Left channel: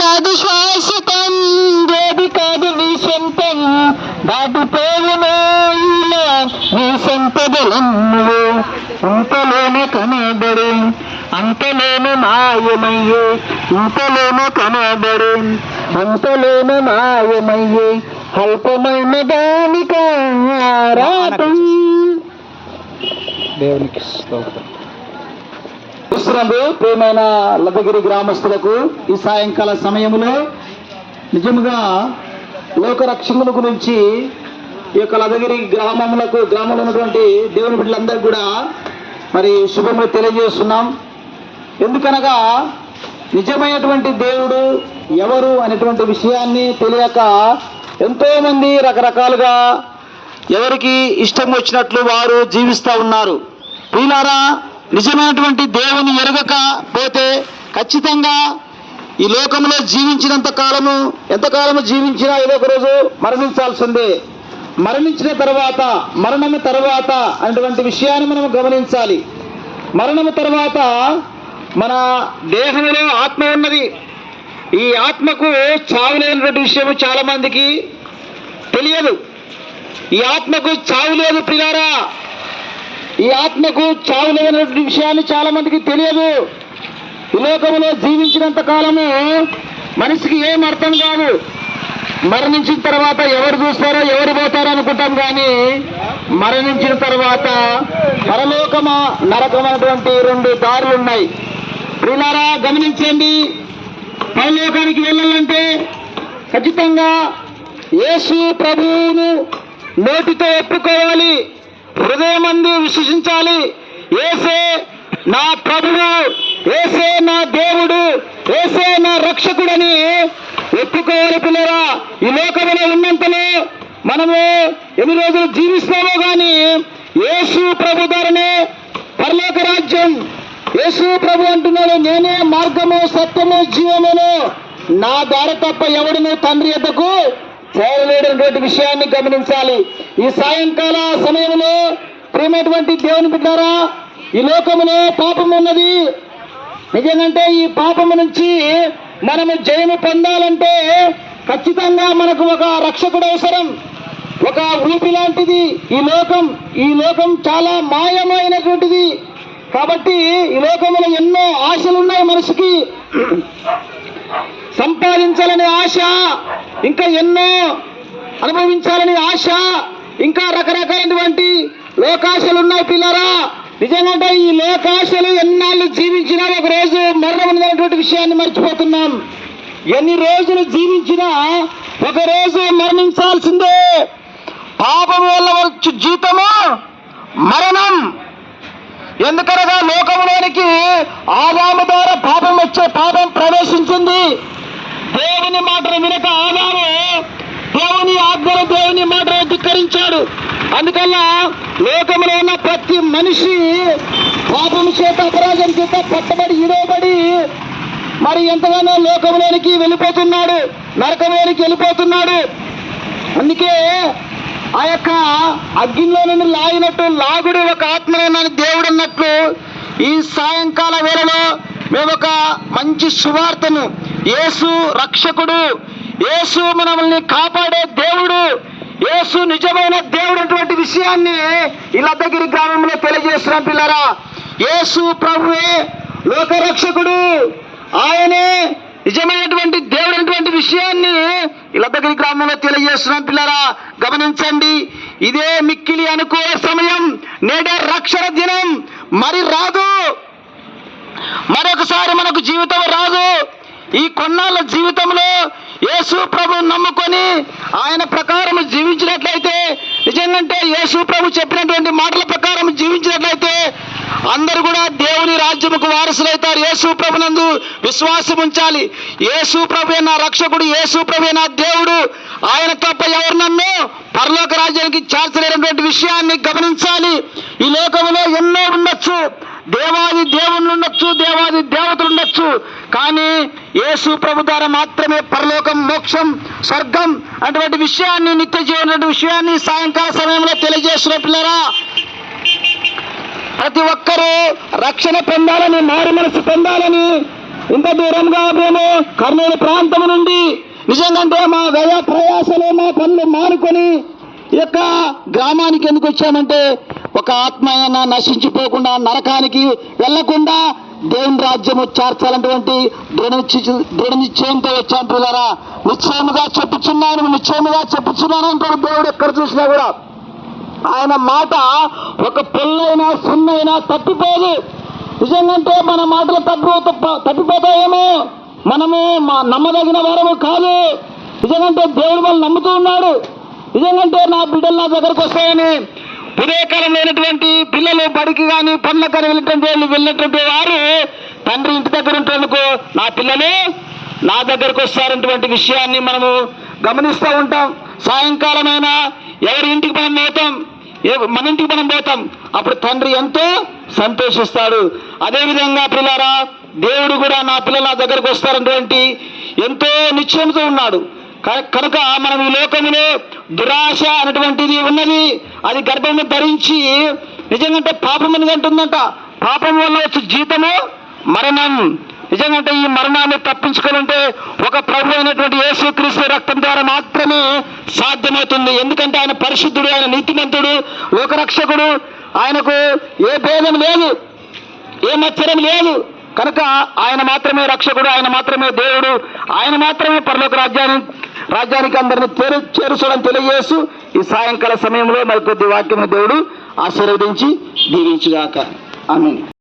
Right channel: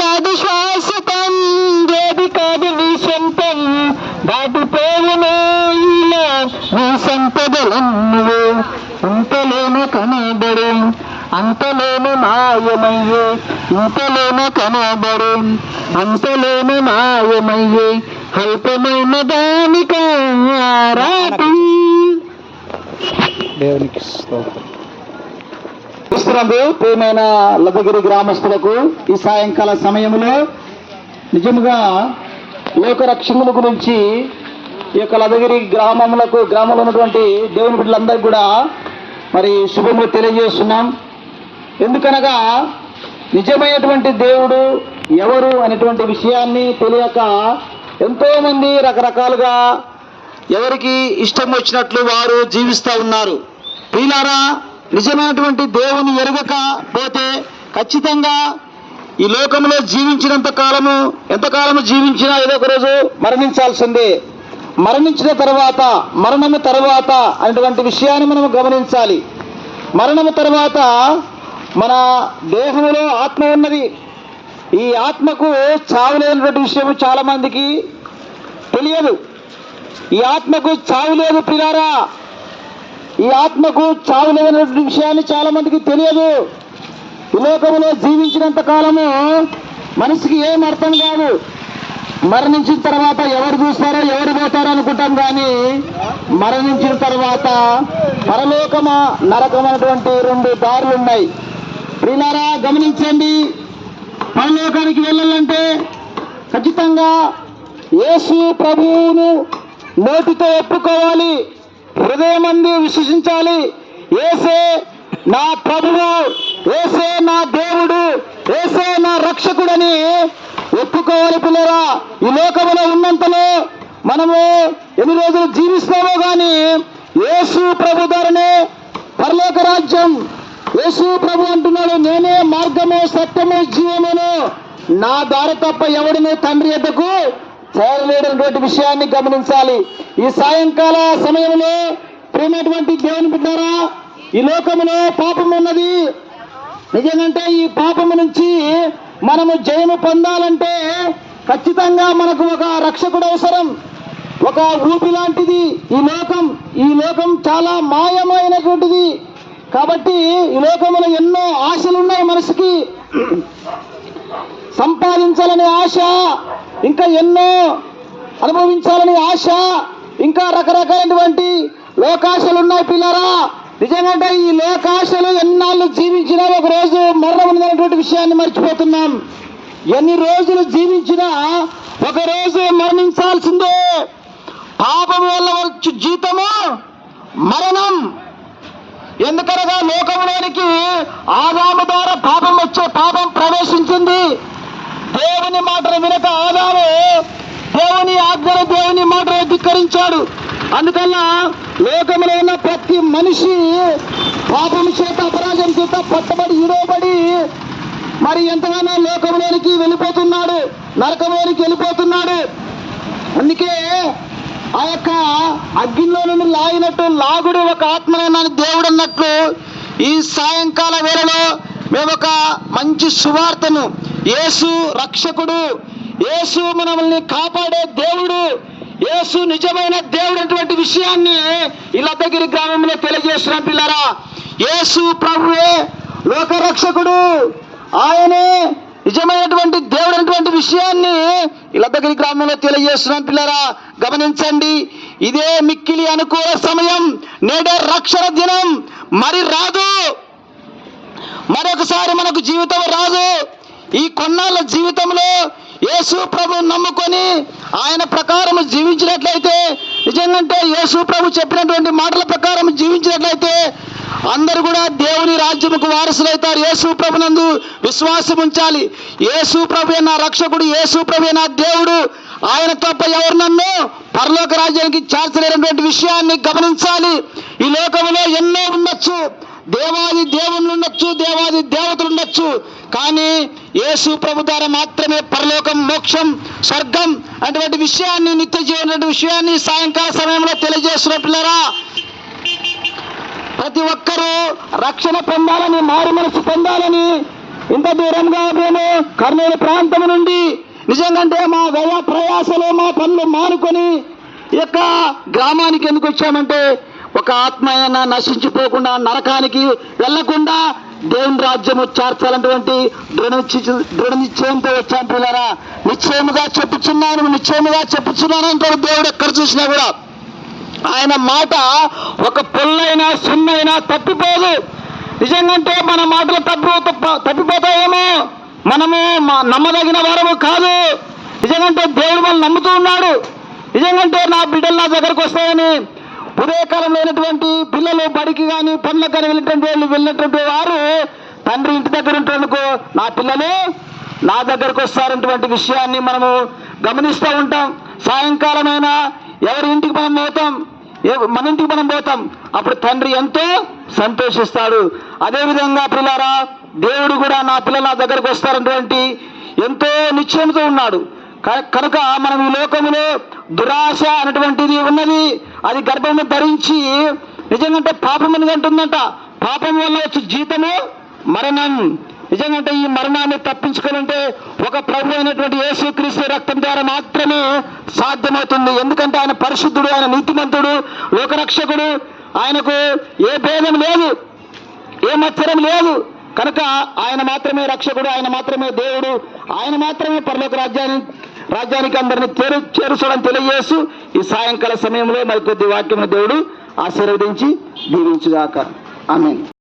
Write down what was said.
కాదు శాశ్వతం ఏది కాదు నీ సొంతం. పేరునే నీ సంపదలన్నీ అంతలోన కనబడు అంతలోన మాయమయ్యే. ఇంతలోన కనబడు అంతలోన మాయమయ్యే. అల్పమైన దానిక దేవునికి స్తోత్రం. క్రిస్తునందు ప్రేమైన లదగిరి గ్రామస్తులకు ఈ సాయంకాల సమయంలో నిజముగా లోకరక్షకుల గురించి ఈ యొక్క లదగిరి గ్రామములకు గ్రామంలో ఉన్నటువంటి దేవుని బిడ్డలందరికీ కూడా మరి శుభములు తెలియజేస్తున్నాం. ఎందుకనగా నిజమైనటువంటి దేవుడు ఎవరు అనేటువంటి విషయాన్ని తెలియక ఎంతోమంది రకరకాలుగా ఎవరికి ఇష్టం వచ్చినట్లు వారు జీవిస్తూ ఉన్నారు. ప్రియులారా నిజమైనటువంటి దేవుని ఎరగక పోతే ఖచ్చితంగా ఈ లోకంలో జీవించినంత కాలము ఎంతకాలము జీవించినా ఏదో ఒక రోజు మరణించాల్సిందే. మరణించిన తర్వాత మరణము తర్వాత అనేటువంటి విషయాన్ని మనం గమనించాలి. మరణము తర్వాత మన దేహంలో ఆత్మ ఉన్నది. ఈ ఆత్మకు చావు లేనటువంటి విషయం తెలియదు. ఈ ఆత్మకు చావు లేదు పిల్లారా ఈ ఆత్మకు చావు లేనటువంటి విషయాన్ని చాలా మందికి తెలియదు. ఈ లోకములో జీవించినంత కాలము మనిషికి ఏం అర్థం కాదు. మరణించిన తర్వాత ఎవరు చూస్తారో ఎవరు పోతారో అనుకుంటాం కానీ మరణించిన తర్వాత పరలోకమా నరకమైనటువంటి రెండు దారులు ఉన్నాయి. ప్రియులారా గమనించండి. పరలోకానికి వెళ్ళాలంటే ఖచ్చితంగా యేసు ప్రభువును నోటితో ఒప్పుకోవాలి. హృదయమందు విశ్వసించాలి. ఏసే నా ప్రభువు ఏసే నా దేవుడు ఏసే నా రక్షకుడని ఒప్పుకోవాలి పిల్లరా. ఈ లోకంలో ఉన్నంతలో మనము ఎన్ని రోజులు జీవిస్తామో గాని యేసు ప్రభు ధరనే పరలోక రాజ్యం. యేసు ప్రభు అంటున్నాడు నేనే మార్గము సత్యము జీవమును. నా దారి తప్ప ఎవడును తండ్రి ఎద్దకు చేరలేడటువంటి విషయాన్ని గమనించాలి. ఈ సాయంకాల సమయంలో ప్రేమైనటువంటి దేవుని బిడ్డారా ఈ లోకంలో పాపం ఉన్నది. నిజంగంటే ఈ పాపము నుంచి మనము జయము పొందాలంటే ఖచ్చితంగా మనకు ఒక రక్షకుడు అవసరం. ఒక ఊపి లాంటిది ఈ లోకం. ఈ లోకం చాలా మాయమైనటువంటిది. కాబట్టి ఈ లోకంలో ఎన్నో ఆశలు ఉన్నాయి మనసుకి సంపాదించాలనే ఆశ ఇంకా ఎన్నో అనుభవించాలని ఆశ ఇంకా రకరకాలైనటువంటి లోకాశలు ఉన్నాయి పిల్లరా. నిజంగా ఈ లోకాశలు ఎన్నాళ్ళు జీవించినా ఒక రోజు మరణం ఉందనేటువంటి విషయాన్ని మర్చిపోతున్నాం. ఎన్ని రోజులు జీవించినా ఒక రోజు మరణించాల్సిందే. పాపం వల్ల వచ్చు జీతము మరణం. ఎందుకనగా లోకంలోనికి ఆదాము ద్వారా పాపం వచ్చే పాపం ప్రవేశించింది. దేవుని మాటలు వినక ఆదాము దేవుని ఆజ్ఞలు దేవుని మాటలు ధిక్కరించాడు. అందుకల్ల లోకంలో ఉన్న ప్రతి మనిషి పాపం చేత అపరాధం చేత పట్టబడి ఇడవబడి మరి ఎంతగానో లోకంలోనికి వెళ్ళిపోతున్నాడు నరకంలోనికి వెళ్ళిపోతున్నాడు. అందుకే ఆ యొక్క అగ్నిలో నుండి లాగినట్టు లాగుడు ఒక ఆత్మనని దేవుడు అన్నట్లు ఈ సాయంకాల వేళలో మేము ఒక మంచి సువార్తను. యేసు రక్షకుడు. యేసు మనల్ని కాపాడే దేవుడు. యేసు నిజమైన దేవుడు అటువంటి విషయాన్ని ఇల్లద్దగిరి గ్రామంలో తెలియజేస్తున్నాం పిల్లరా. యేసు ప్రభువే లోకరక్షకుడు. ఆయనే నిజమైనటువంటి దేవుడు అటువంటి విషయాన్ని ఇల్లద్దగిరి గ్రామంలో తెలియజేస్తున్నాం పిల్లరా. గమనించండి. ఇదే మిక్కిలి అనుకూల సమయం. నేడే రక్షణ దినం. మరి రాదు. మరొకసారి మనకు జీవితం రాదు. ఈ కొన్నాళ్ళ జీవితంలో యేసు ప్రభు నమ్ముకొని ఆయన ప్రకారం జీవించినట్లయితే నిజంగా యేసు ప్రభు చెప్పినటువంటి మాటల ప్రకారం జీవించినట్లయితే అందరు కూడా దేవుని రాజ్యముకు వారసులైతారు. యేసు ప్రభునందు విశ్వాసం ఉంచాలి. యేసు ప్రభు నా రక్షకుడు యేసు ప్రభు నా దేవుడు ఆయన తప్ప ఎవరు నన్ను పరలోక రాజ్యానికి చేర్చలేనటువంటి విషయాన్ని గమనించాలి. ఈ లోకంలో ఎన్నో ఉండొచ్చు. దేవాది దేవుళ్ళు ఉండొచ్చు దేవాది దేవతలు ఉండొచ్చు. కానీ యేసు ప్రభు ద్వారా మాత్రమే పరలోకం మోక్షం స్వర్గం అటువంటి విషయాన్ని నిత్య జీవన విషయాన్ని సాయంకాల సమయంలో తెలియజేస్తున్న పిల్లరా ప్రతి ఒక్కరూ రక్షణ పొందాలని మారు మనసు పొందాలని ఇంత దూరంగా మేము కర్నూలు ప్రాంతం నుండి నిజంగా మా వ్యయ ప్రయాసలో మా పనులు మానుకొని ఈ యొక్క గ్రామానికి ఎందుకు వచ్చామంటే ఒక ఆత్మ అయినా నశించిపోకుండా నరకానికి వెళ్ళకుండా దేవుని రాజ్యము చేర్చాలన్నటువంటి దృఢ దృఢ నిశ్చయంతో వచ్చాం పిల్లరా. నిశ్చయముగా చెప్పుచున్నాను నిశ్చయముగా చెప్పుచున్నాను అంటాడు దేవుడు ఎక్కడ చూసినా కూడా. ఆయన మాట ఒక పొల్లైనా సున్నైనా తప్పిపోదు. నిజంగంటే మన మాటలు తప్పు తప్ప- తప్పిపోతాయేమో. మనము మ- నమ్మదగిన వారము కాదు. నిజంగంటే దేవుడు మనం నమ్ముతూ ఉన్నాడు. నిజంగంటే నా బిడ్డలు నా దగ్గరకు వస్తాయని. ఉదయకాలం లేనటువంటి పిల్లలు బడికి కానీ పనులకు కానీ వెళ్ళినటువంటి వాళ్ళు వెళ్ళినటువంటి వారు తండ్రి ఇంటి దగ్గర ఉంటేందుకు నా పిల్లలు నా దగ్గరకు వస్తారన్నటువంటి విషయాన్ని మనము గమనిస్తూ ఉంటాం. సాయంకాలమైనా ఎవరి ఇంటికి మనం పోతాం ఏ- మన ఇంటికి మనం పోతాం అప్పుడు తండ్రి ఎంతో సంతోషిస్తాడు. అదేవిధంగా పిల్లారా దేవుడు కూడా నా పిల్లలు నా దగ్గరకు వస్తారన్నటువంటి ఎంతో నిశ్చయంతో ఉన్నాడు. కనుక మనం ఈ లోకములో దురాశ అనేటువంటిది ఉన్నది అది గర్భము ధరించి నిజంగా పాపం అనేది అంటుందంట. పాపం వల్ల వచ్చే జీతము మరణం. నిజంగా ఈ మరణాన్ని తప్పించుకోవాలంటే ఒక ప్రభు అయినటువంటి యేసుక్రీస్తు రక్తం ద్వారా మాత్రమే సాధ్యమవుతుంది. ఎందుకంటే ఆయన పరిశుద్ధుడు ఆయన నీతిమంతుడు లోకరక్షకుడు. ఆయనకు ఏ భేదం లేదు ఏ మత్సరం లేదు. కనుక ఆయన మాత్రమే రక్షకుడు ఆయన మాత్రమే దేవుడు. ఆయన మాత్రమే పరలోక రాజ్యాన్ని రాజ్యానికి అందరిని చేరు చేరుసడం తెలియజేస్తూ ఈ సాయంకాల సమయంలో మరి కొద్ది వాక్యమును దేవుడు ఆశీర్వదించి దీవించుగాక. ఆమె